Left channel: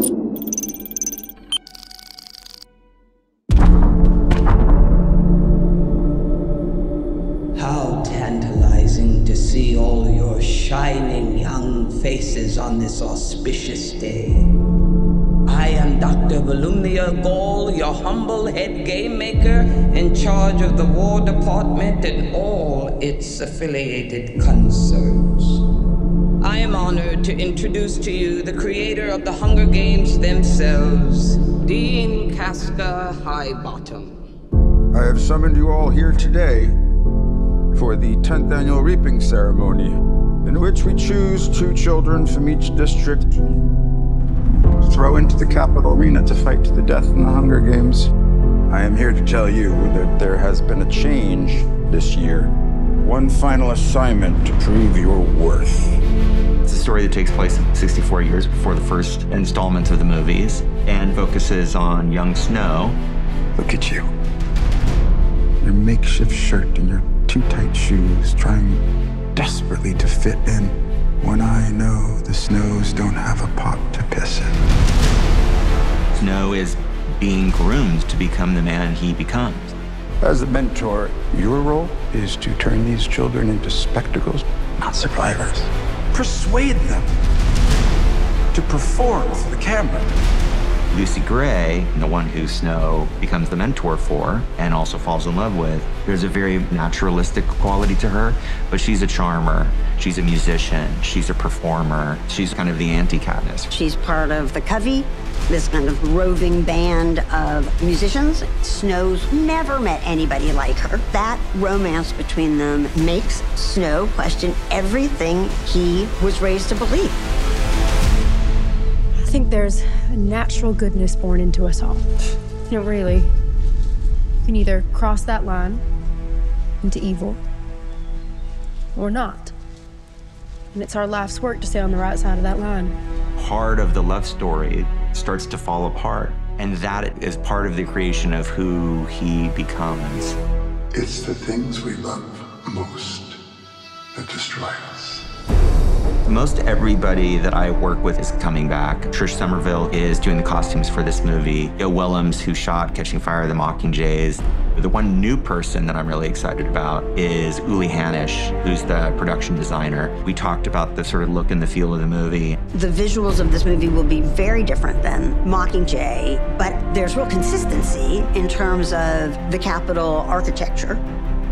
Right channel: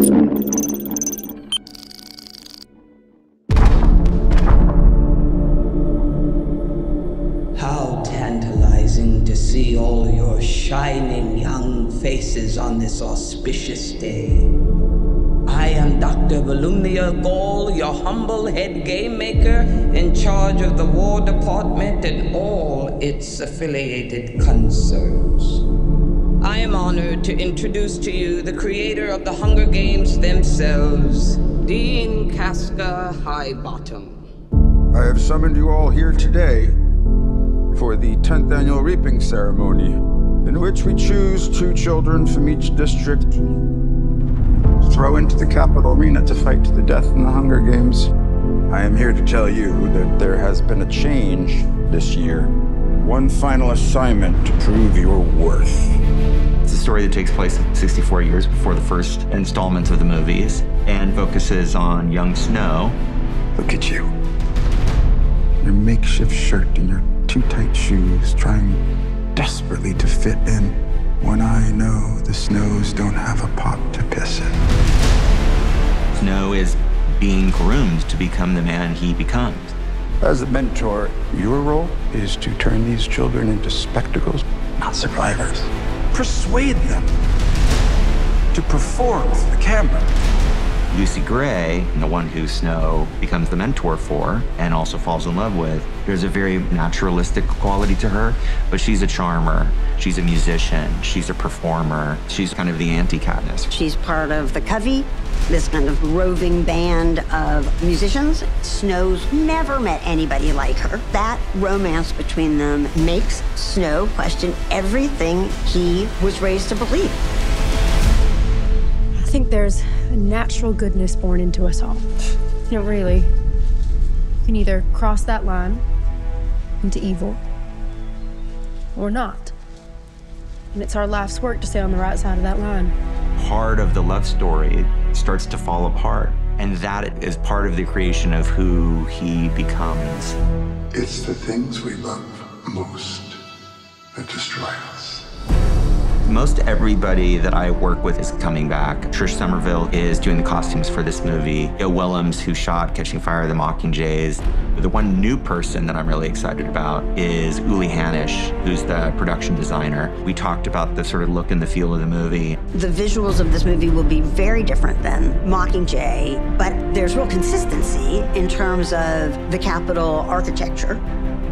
How tantalizing to see all your shining young faces on this auspicious day. I am Dr. Volumnia Gall, your humble head game maker in charge of the War Department and all its affiliated concerns. I am honored to introduce to you the creator of the Hunger Games themselves, Dean Casca Highbottom. I have summoned you all here today for the 10th annual reaping ceremony, in which we choose 2 children from each district, throw into the capital arena to fight to the death in the Hunger Games. I am here to tell you that there has been a change this year. One final assignment to prove your worth. It's a story that takes place 64 years before the first installment of the movies and focuses on young Snow. Look at you. Your makeshift shirt and your too tight shoes, trying desperately to fit in when I know the Snows don't have a pot to piss in. Snow is being groomed to become the man he becomes. As a mentor, your role is to turn these children into spectacles, not survivors. Persuade them to perform for the camera. Lucy Gray, the one who Snow becomes the mentor for and also falls in love with, there's a very naturalistic quality to her, but she's a charmer. She's a musician. She's a performer. She's kind of the anti-Katniss. She's part of the Covey, this kind of roving band of musicians. Snow's never met anybody like her. That romance between them makes Snow question everything he was raised to believe. I think there's a natural goodness born into us all. You know, really, you can either cross that line into evil or not. And it's our life's work to stay on the right side of that line. Part of the love story starts to fall apart, and that is part of the creation of who he becomes. It's the things we love most that destroy us. Most everybody that I work with is coming back. Trish Somerville is doing the costumes for this movie. Joe Willems, who shot Catching Fire, the Mockingjays. The one new person that I'm really excited about is Uli Hanisch, who's the production designer. We talked about the sort of look and the feel of the movie. The visuals of this movie will be very different than Mockingjay, but there's real consistency in terms of the Capitol architecture.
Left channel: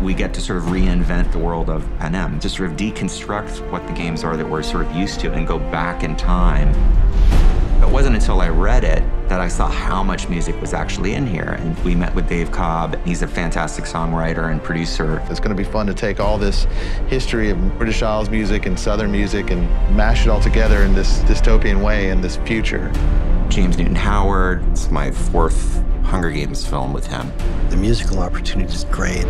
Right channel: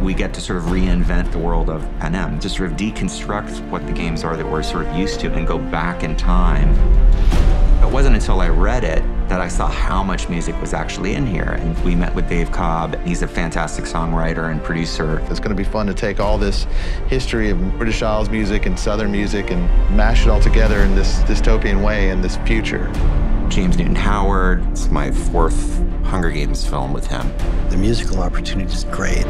We get to sort of reinvent the world of Panem, to sort of deconstruct what the games are that we're sort of used to and go back in time. It wasn't until I read it that I saw how much music was actually in here. And we met with Dave Cobb. He's a fantastic songwriter and producer. It's going to be fun to take all this history of British Isles music and Southern music and mash it all together in this dystopian way in this future. James Newton Howard. It's my 4th Hunger Games film with him. The musical opportunity is great.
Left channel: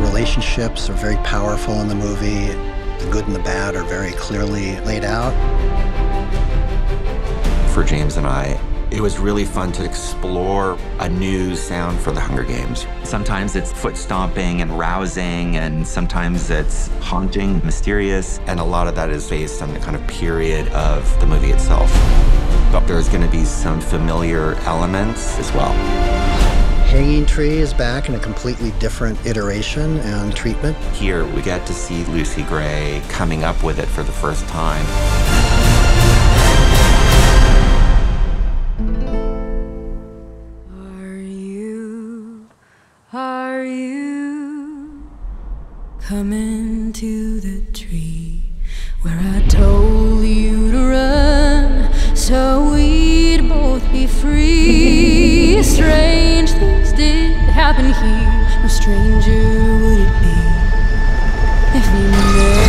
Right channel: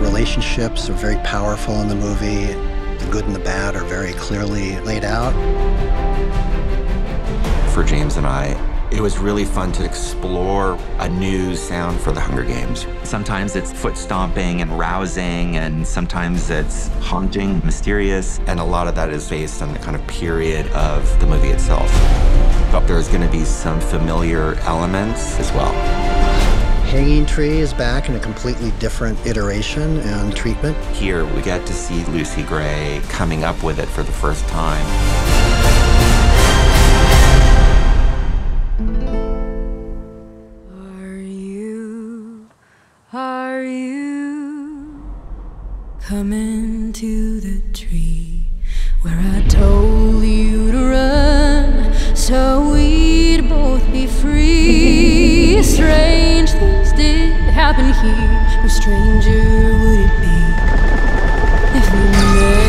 Relationships are very powerful in the movie. The good and the bad are very clearly laid out. For James and I, it was really fun to explore a new sound for the Hunger Games. Sometimes it's foot stomping and rousing, and sometimes it's haunting, mysterious, and a lot of that is based on the kind of period of the movie itself. But there's going to be some familiar elements as well. Hanging Tree is back in a completely different iteration and treatment. Here, we get to see Lucy Gray coming up with it for the first time. Are you coming to the tree where I told you to run so we'd both be free? Strange things did happen here. No stranger would it be if we never